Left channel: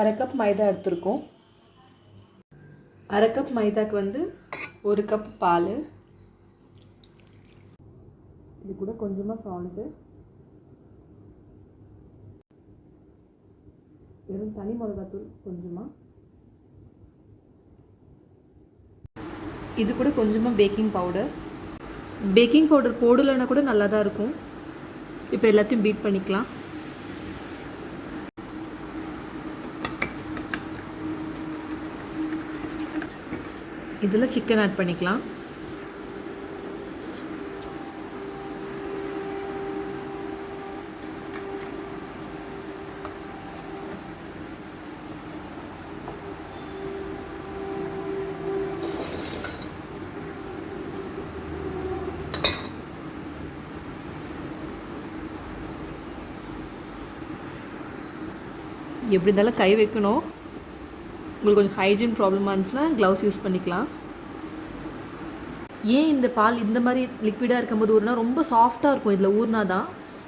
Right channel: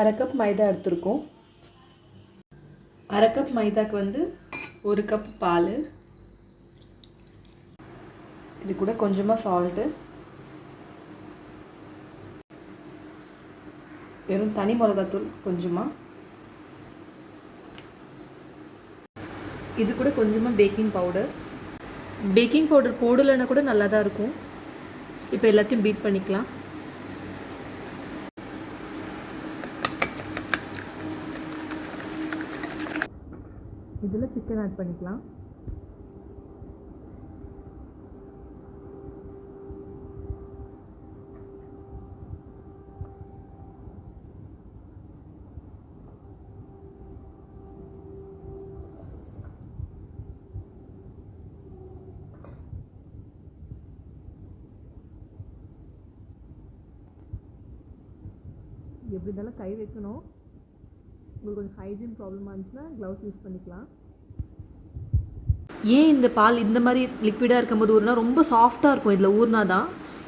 அரை கப் மைதா எடுத்துருக்கோம். அரை கப் மைதாக்கு வந்து 1 கப் பால், இது கூட கொஞ்சமாக சால்ட்டு, வெறும் தனி மிளகாத்தூள் கொஞ்சமாக, இது கூட கொஞ்சமாக பேக்கிங் பவுடர். பேக்கிங் பவுடர் போடலைன்னா கூட நல்லா தான் இருக்கும். இப்போ எல்லாத்தையும் பீட் பண்ணிக்கலாம். இதில் சிக்கன் ஆட் பண்ணிக்கலாம். எப்படி இருந்தாலும் கை வைக்கணும். உங்களுக்கு கொஞ்சம் ஹைஜீன் ப்ராப்ளமாக இருந்துச்சுன்னா க்ளவுஸ் யூஸ் பண்ணிக்கலாம். ஏன் இந்த பால் இந்த மாதிரி லிக்விடாக இருக்கும்போது ஊறினா ரொம்ப சாஃப்டாக இருக்கும். இதில் ஊறினா தான்,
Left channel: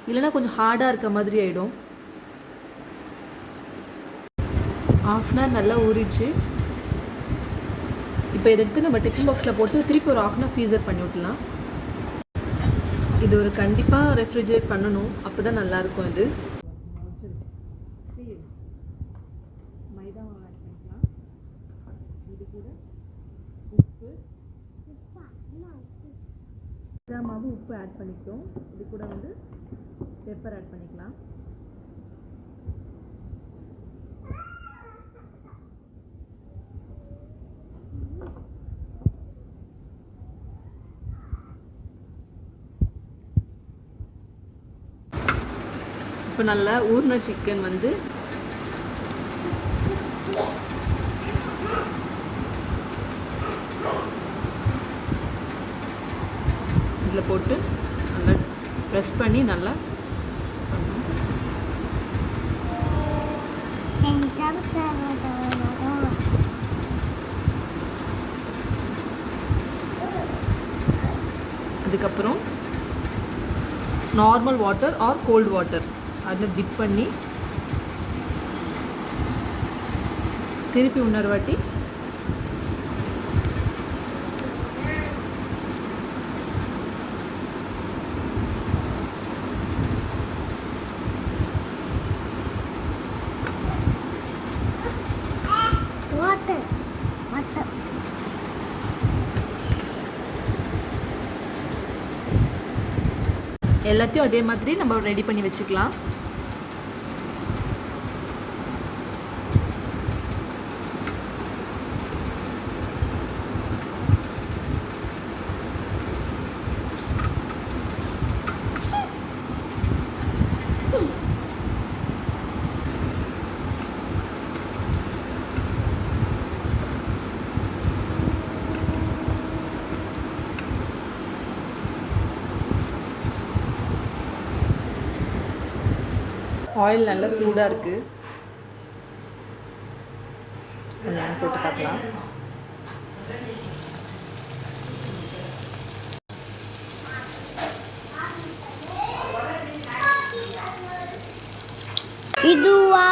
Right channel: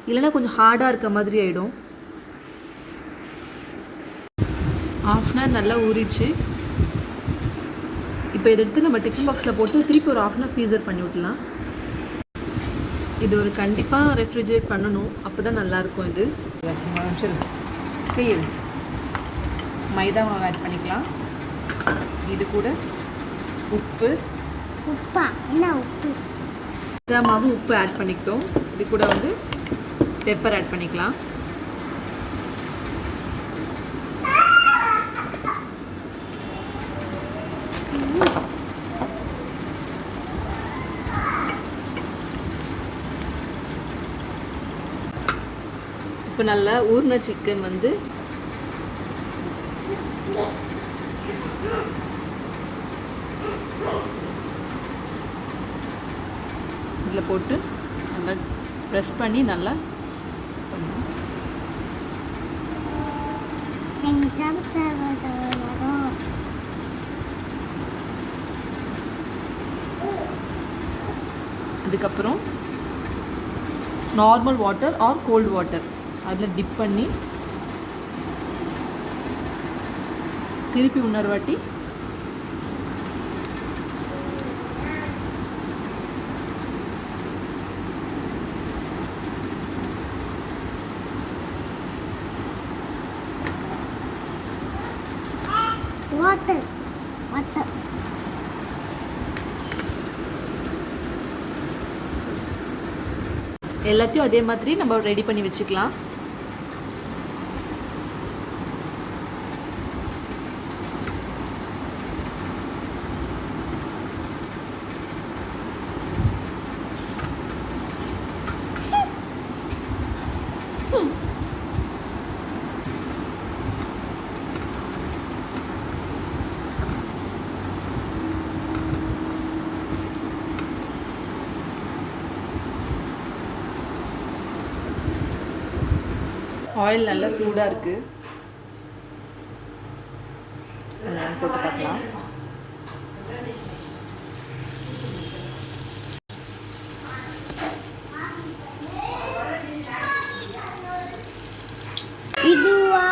இல்லைனா கொஞ்சம் ஹார்டாக இருக்க மாதிரி ஆகிடும். 1/2 hour நல்லா ஊறிடுச்சு. இப்போ இதை எடுத்து நம்ம டிஃபன் பாக்ஸில் போட்டு திருப்பி ஒரு 1/2 hour ஃப்ரீசர் பண்ணி விட்டுலாம். இது ஒரு கண்டிப்பாக ரெஃப்ரிஜரேட் பண்ணணும், அப்போ தான் நல்லாயிருக்கும். இது மைதா மாவு ஆட் பண்ணிக்கலாம். இது கூட உப்பு, மைதா மாவு உப்பு ஆட் பண்ணிக்கிட்டோம். இது கூட வந்து பெப்பர் ஆட் பண்ணிக்கலாம். இப்போ நல்லா ஊறின சிக்கன் வந்து இதில் போட்டு நல்லா ப்ரெஸ் பண்ணி நல்லா பண்ணணும். அதுக்கப்புறம் normal water or cold water அதில் டிப் பண்ணி திருப்பி இன்னொரு வாட்டி எல்லாத்தையும் அதே மாதிரி நம்ம ரெடி பண்ணி வச்சுக்கலாம். ஆயில் நல்லா சூடாக இருக்குது. போட்டு பார்க்கலாம். இதுவா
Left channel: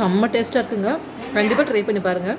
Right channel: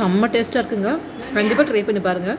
செம்ம டேஸ்ட்டாக இருக்குங்க. கண்டிப்பாக ட்ரை பண்ணி பாருங்கள்.